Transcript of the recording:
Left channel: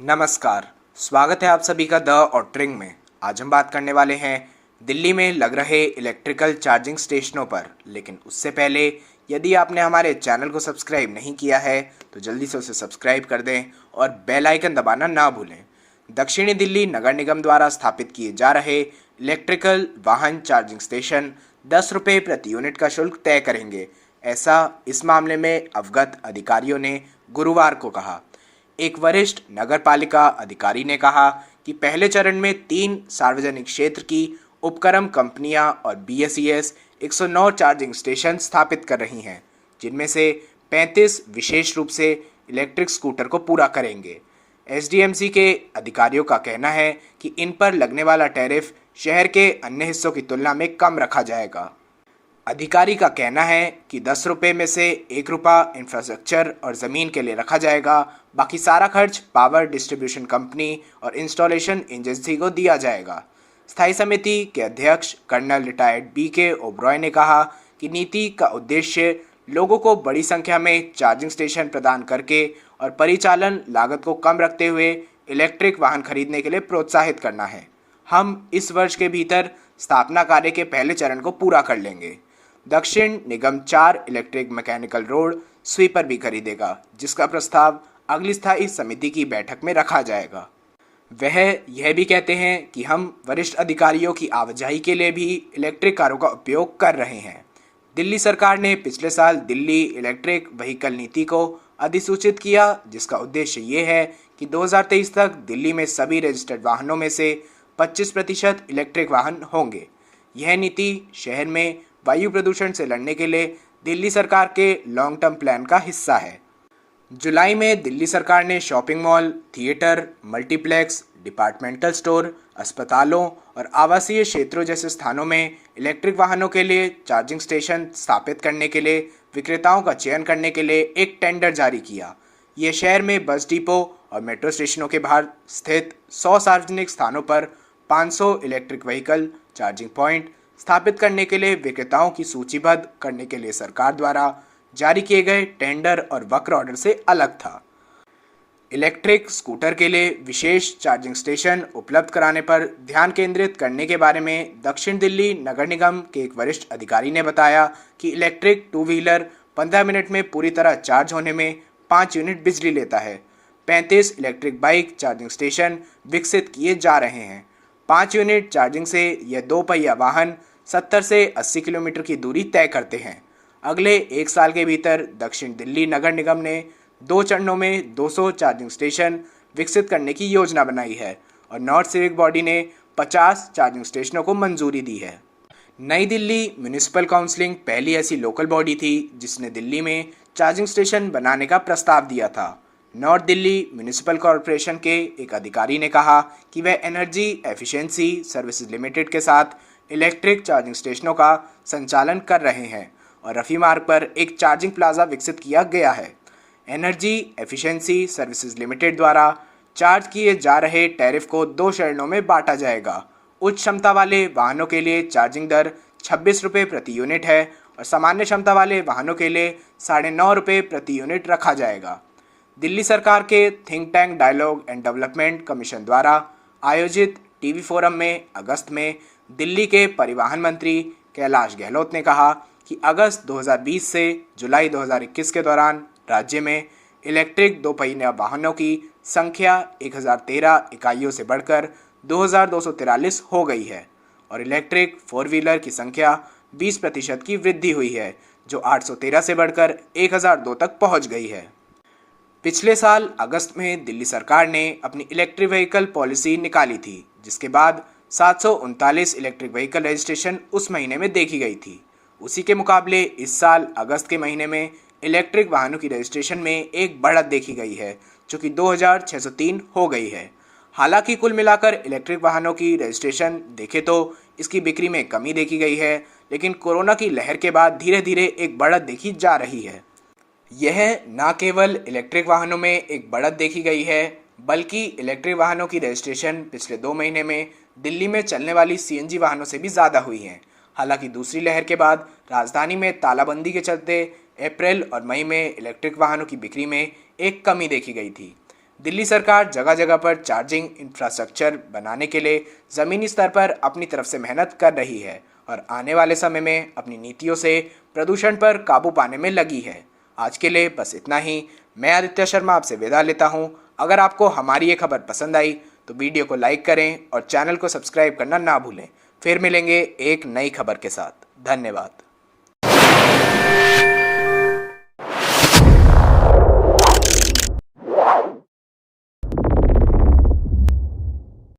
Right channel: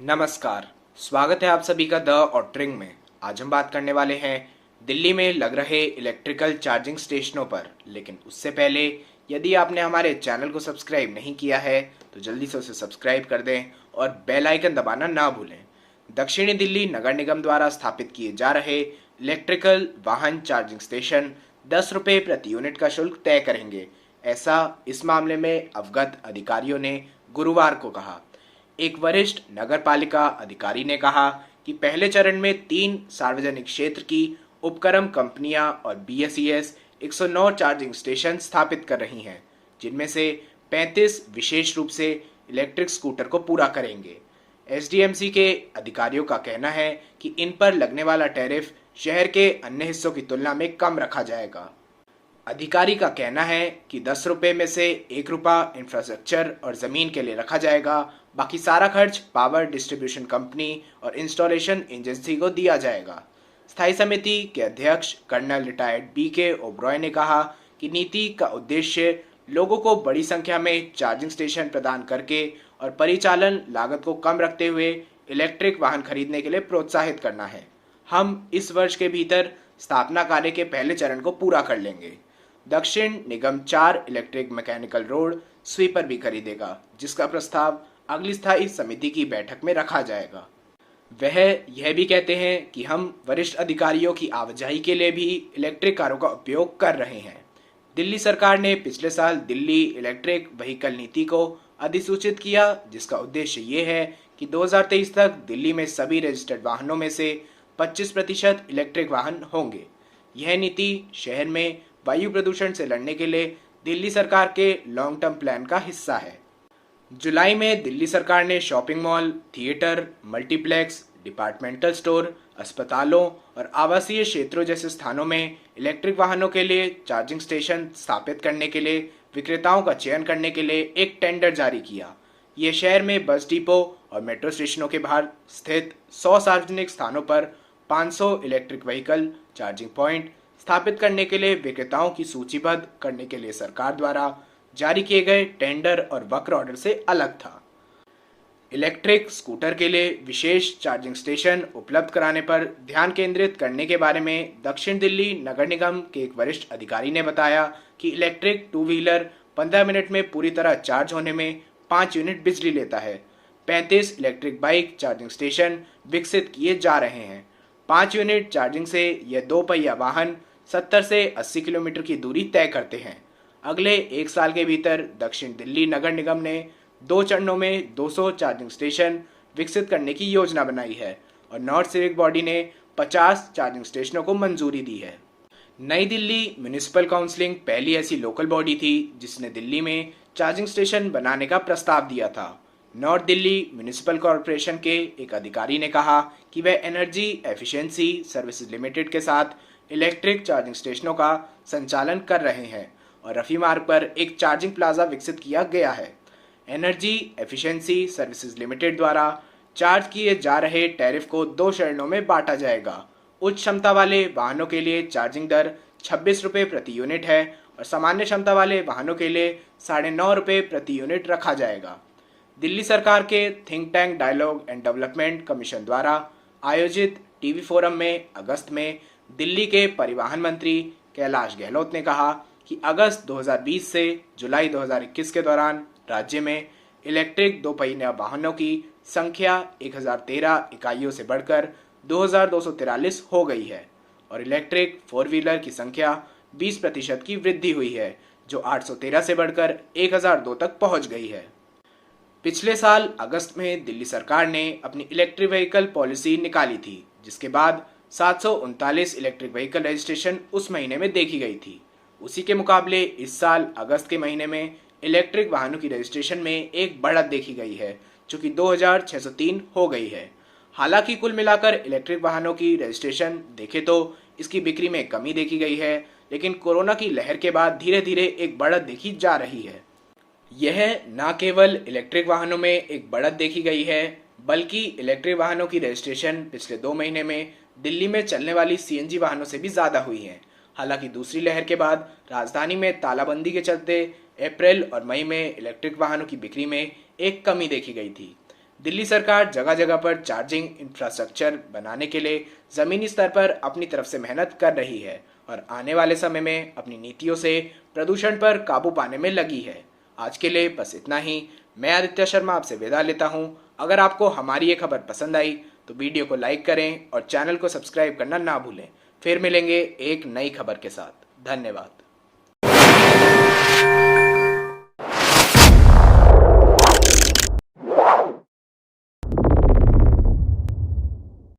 नमस्कार। स्वागत है आप सभी का द ऑटरिंग में। आज हम बात करने वाले हैं दिल्ली में लग रहे इलेक्ट्रिकल चार्जिंग स्टेशनों पर। लेकिन उससे पहले यदि आपने हमारे चैनल को सब्सक्राइब नहीं किया है तो जल्दी से उसे सब्सक्राइब कर दें और बेल आइकन दबाना ना भूलें। दक्षिणी दिल्ली नगर निगम द्वारा स्थापित किए जा रहे इलेक्ट्रिकल वाहन चार्जिंग स्टेशन 10 रुपये प्रति यूनिट का शुल्क तय करेंगे, ऐसा इस मामले में अवगत अधिकारियों ने गुरुवार को कहा। एक वरिष्ठ नगर पालिका अधिकारी ने कहा कि पहले चरण में 3 सार्वजनिक क्षेत्र की उपक्रम कंपनियां और BSES 109 चार्जिंग स्टेशन स्थापित कर रही हैं, जिनमें से 35 विशेष रूप से इलेक्ट्रिक स्कूटर को पूरा करेंगे। SDMC के अधिकारियों का कहना है कि इन पर लगने वाला टैरिफ शहर के अन्य हिस्सों की तुलना में कम रखा जाएगा। अधिकारी का कहना है कि 10 रुपये में से 1 रुपया इंफ्रास्ट्रक्चर और ज़मीन के लिए रखा जाएगा। बाकी सारा खर्च पावर डिस्ट्रीब्यूशन कंपनी और इंस्टॉलेशन एजेंसी को दिया जाएगा। स्थायी समिति के अध्यक्ष कर्नल रिटायर्ड BK ओब्रॉय ने कहा कि नीति का उद्देश्य लोगों को बड़ी संख्या में चार्जिंग स्टेशन प्रदान करके और परिचालन लागत को कम रखते हुए इलेक्ट्रिक वाहन खरीदने के लिए प्रोत्साहित करना है। हम इस वर्ष के भीतर स्थापना कार्य के पहले चरण को पूरा कर लेंगे। दक्षिण निगम 4 इलेक्ट्रिक मैकेनिकल रोड स्वीपर भी खरीदेगा, जिसका प्रस्ताव अगली स्थायी समिति की बैठक में रखा जाएगा। वह यह भी कहते हैं कि हम वरिष्ठ अधिकारियों की आवाजाही के लिए भी इलेक्ट्रिक कारों का उपयोग कर रहे हैं। दिल्ली सरकार ने पिछले साल दिल्ली इलेक्ट्रिक व्हीकल नीति को अधिसूचित किया, जिसका उद्देश्य ये है कि 2023 तक दिल्ली में सभी रजिस्टर्ड वाहनों में से 25% इलेक्ट्रिक वाहन होंगे। यह नीति शहर में वायु प्रदूषण से लड़ने के लिए दिल्ली सरकार के लॉन्ग टर्म प्लान का हिस्सा है। जुलाई में दिल्ली सरकार ने shopping mall, theatre, multiplex, departmental store, अस्पतालों और आवासीय क्षेत्रों जैसे स्थानों में इलेक्ट्रिक वाहनों के लिए चार्जिंग स्टेशन स्थापित करने के लिए विक्रेताओं का चयन करने के लिए एक टेंडर जारी किया। ये शहर में बस डिपो और मेट्रो स्टेशनों के बाहर स्थित 100 सार्वजनिक स्थानों पर 500 इलेक्ट्रिक व्हीकल चार्जिंग पॉइंट स्थापित करने के लिए विक्रेताओं की सूचीबद्ध करने के लिए सरकार द्वारा जारी किए गए टेंडर और वक्र ऑर्डर से अलग था। इलेक्ट्रिक स्कूटर के लिए विशेष चार्जिंग स्टेशन उपलब्ध कराने पर ध्यान केंद्रित करने के बारे में दक्षिण दिल्ली नगर निगम के एक वरिष्ठ अधिकारी ने बताया कि इलेक्ट्रिक 2 व्हीलर 15 मिनट में पूरी तरह चार्ज होने में 5 यूनिट बिजली लेता है। 35 इलेक्ट्रिक बाइक चार्जिंग स्टेशन विकसित किए जा रहे हैं। 5 यूनिट चार्जिंग से यह 2 पहिया वाहन 70 से 80 किलोमीटर की दूरी तय करते हैं। अगले 1 साल के भीतर दक्षिण दिल्ली नगर निगम ने 2 चरणों में 200 चार्जिंग स्टेशन विकसित करने की योजना बनाई है और नॉर्थ सिविक बॉडी ने 50 चार्जिंग स्टेशनों को मंजूरी दी है। नई दिल्ली म्यूनिसिपल काउंसिलिंग पहली ऐसी लोकल बॉडी थी जिसने दिल्ली में चार्जिंग स्टेशन बनाने का प्रस्ताव दिया था। नॉर्थ दिल्ली म्यूनिसिपल कॉरपोरेशन के एक अधिकारी ने कहा कि वह एनर्जी एफिशिएंसी सर्विसेज लिमिटेड के साथ इलेक्ट्रिक चार्जिंग स्टेशनों का संचालन कर रहे हैं और रफ़ी मार्ग पर एक चार्जिंग प्लाजा विकसित किया गया है। एनर्जी एफिशिएंसी सर्विसेज लिमिटेड द्वारा चार्ज किए जा रहे टैरिफ को 2 चरणों में बांटा जाएगा। उच्च क्षमता वाले वाहनों के लिए चार्जिंग दर 26 रुपये प्रति यूनिट है और सामान्य क्षमता वाले वाहनों के लिए 9.5 रुपये प्रति यूनिट रखा जाएगा। दिल्ली सरकार के think tank dialogue and development commission द्वारा आयोजित टीवी फोरम में अगस्त में दिल्ली के परिवहन मंत्री कैलाश गहलोत ने कहा कि अगस्त 2020 से जुलाई 2021 के दौरान राज्य में इलेक्ट्रिक 2 पहिया वाहनों की संख्या 1013 इकाइयों से बढ़कर 2243 हो गई है और इलेक्ट्रिक 4 व्हीलर की संख्या 20% की वृद्धि हुई है, जो 813 से बढ़कर 1002 तक पहुंच गई है। पिछले साल अगस्त में दिल्ली सरकार ने अपनी इलेक्ट्रिक व्हीकल पॉलिसी निकाली थी, जिसके बाद 739 इलेक्ट्रिक व्हीकल रजिस्ट्रेशन उस महीने में देखी गई थी। उसी के मुकाबले इस साल अगस्त के महीने में इलेक्ट्रिक वाहनों की रजिस्ट्रेशन में एक बढ़त देखी गई है, जो कि 2603 हो गई है। हालांकि कुल मिलाकर इलेक्ट्रिक वाहनों की रजिस्ट्रेशन देखे तो इसकी बिक्री में कमी देखी गई है, लेकिन कोरोना की लहर के बाद धीरे धीरे एक बढ़त देखी जा रही है। यह न केवल इलेक्ट्रिक वाहनों में एक बढ़त देखी गई है, बल्कि इलेक्ट्रिक वाहनों की रजिस्ट्रेशन पिछले 2 महीने में दिल्ली में चलने वाली CNG वाहनों से भी ज़्यादा हुई है। हालांकि दूसरी लहर के बाद राजधानी में तालाबंदी के चलते अप्रैल और मई में इलेक्ट्रिक वाहनों की बिक्री में एक कमी देखी गई थी। दिल्ली सरकार जगह जगह पर चार्जिंग इंफ्रास्ट्रक्चर बनाने के लिए ज़मीनी स्तर पर अपनी तरफ से मेहनत कर रही है और आने वाले समय में अपनी नीतियों से प्रदूषण पर काबू पाने में लगी है। आज के लिए बस इतना ही। मैं आदित्य शर्मा आपसे विदा लेता हूं। अगर आपको हमारी ये खबर पसंद आई तो वीडियो को लाइक करें और चैनल को सब्सक्राइब करना ना भूलें। फिर मिलेंगे एक नई खबर के साथ। धन्यवाद।